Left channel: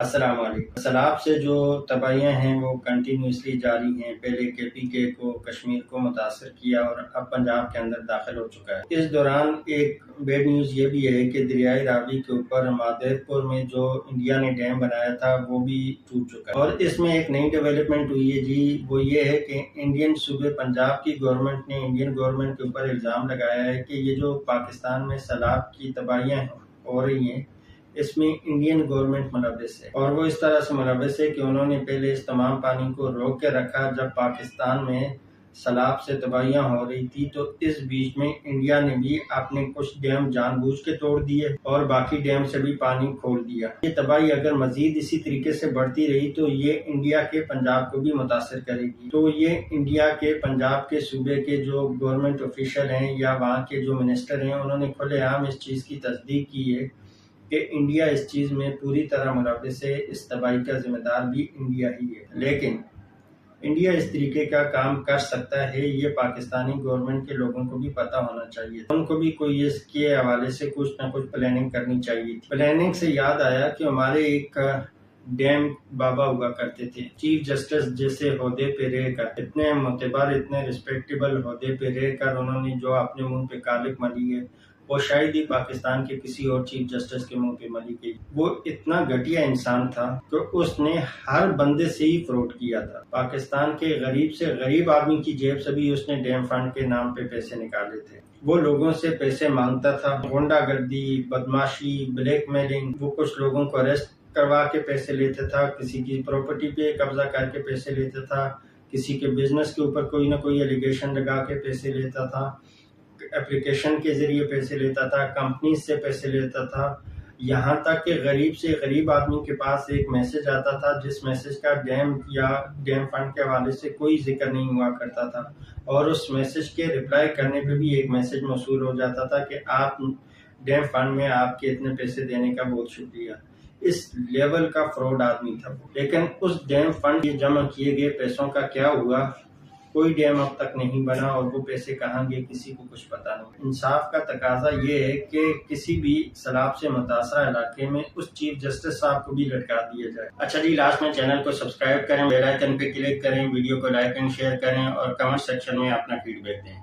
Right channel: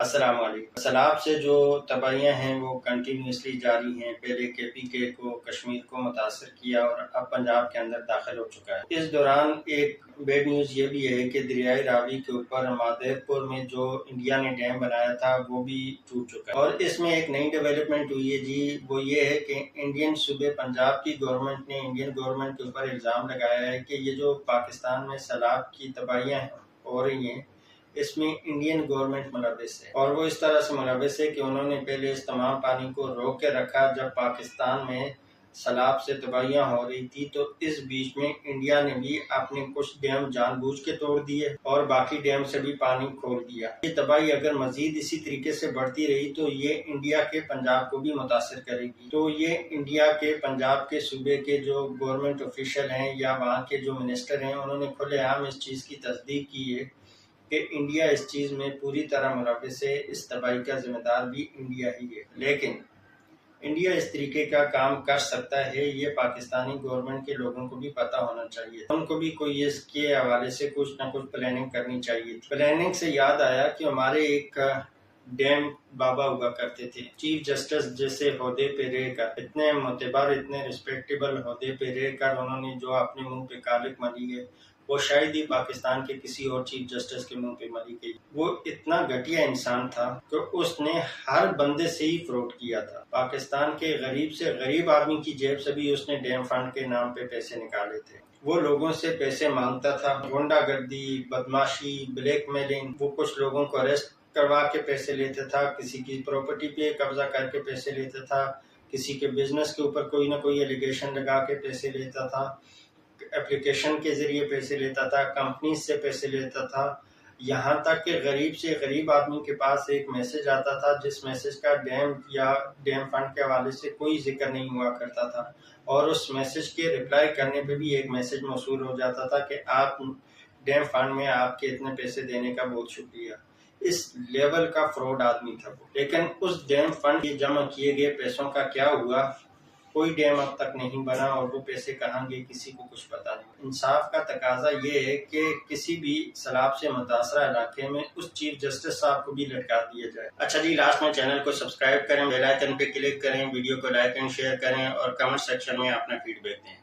अस्सलाम वालेकुम। सैलाब से जो तबाहियाँ हैं वो कंटिन्यूसली जारी हैं। पहले KPK को, कश्मीर को मुतासर किया और अब पंजाब के अंदर दाखिल हो चुका है। इस दौरान एक बैड न्यूज़ ये भी है कि दरियाई रावी के ऊपर मादेरपुर में जो इंडिया ने डैम बनाया था वो भी टूट चुका है। और इसमें एक नई डेवलपमेंट हुई है जी, वो ये है कि इंडियन सूबे पंजाब की गवर्नमेंट ने इंडियन गवर्नमेंट के ऊपर इल्ज़ाम लगाया है कि ये जो पाकिस्तान में सैलाब की तबाहियाँ हो रही हैं इसमें इंडियन गवर्नमेंट मुलव्वस है। और वो इस तरह से मुलव्वस है कि उन्होंने पहले इस तमाम पानी को रोक के रखा जब पाकिस्तान में सैलाब से तबाहियां हो रही थी, तो इस बीच में इंडिया ने भी अपने कुछ डैम जानबूझ के तोड़ दिए और बाकी डैम से भी पानी खोल दिया। ये तबाही अगर मजीद इसी तरीके से बढ़ती रही तो ये इंडिया के पंजाब को भी मुतासर करेगी। तो ये इंडिया के पंजाब के सूबे के जो गवर्नमेंट ऑफिशियल हैं या वहाँ के जो मिनिस्टर हैं, उन्होंने खुलेआम इस चीज़ की तस्दीक की है कि इंडिया इस चीज़ में पूरी तरह मुलव्वस है। इस तबाही का जिम्मेदार भी इंडिया ही है। लेकिन इंडिया इस तरीके का काम कर सकता है, ये पाकिस्तानी गवर्नमेंट के लोगों को भी पता होना चाहिए। उनको भी कोई इसके हवाले से कुछ ना कुछ प्लानिंग करनी चाहिए थी। प्लानिंग से याद आया कि हमारे एक डैम बाबा हुआ करते थे, चीफ जस्टिस जैसे ओहदे पे रहकर, इतने मोतबर इतने रिस्पेक्टेबल ओहदे पे रहकर उन्होंने जो अपने मुंह पे कालिक मली है वो शायद ही पाकिस्तान के किसी और चीफ जस्टिस के मुंह पे मली गई। वो इतना घटिया इंसान था कि उसने हर बंदे से ही फ्रॉड किया था। पाकिस्तान के गरीब से गरीब आदमी की जेब से भी उसने डैम फंड के नाम पे पैसे निकाले थे। वो लोगों से पैसे मांगता था, गुंडागर्दी, बदमाशी, ब्लैकमेलिंग। वो कुछ लोगों को अरेस्ट करवा के पैसे लेता था, किसी की प्रॉपर्टी पे कब्जा करके पैसे लेता था, किसी के बिजनेस के ऊपर कोई ना कोई एलिगेशन लगा के पैसे लेता था, एप्लीकेशन के जरिए पैसे लेता था, कंपनी से पैसे लेता था। यहाँ तक कि गरीब से गरीब आदमी के पास एक मैसेज आता था जिस मैसेज का डैम या डैम फंड के हवाले से कोई जिक्र नहीं हुआ करता था, और उस मैसेज के रिप्लाई करने पे भी एक मैसेज मौसूल हो जाता था कि आप डैम फंड में आपके इतने पैसे देने का बहुत शुक्रिया। इस लेवल का फ्रॉड आदमी था वो। लेकिन उस डैम फंड जमा किए गए पैसों का क्या हुआ? कोई डैम अब तक नहीं बना और वो पैसे कहाँ गए किसी को कुछ पता नहीं। इंसाफ का तकाजा ये है कि किसी भी सैलाब से मुतासरा इलाके में उस चीफ जस्टिस साहब को भी लटका दिया जाए। अच्छा जी, लास्ट में चैनल को सब्सक्राइब करें, बेल आइकन पे क्लिक करें, वीडियो को लाइक एंड शेयर करें और कमेंट सेक्शन में अपना फीडबैक दें।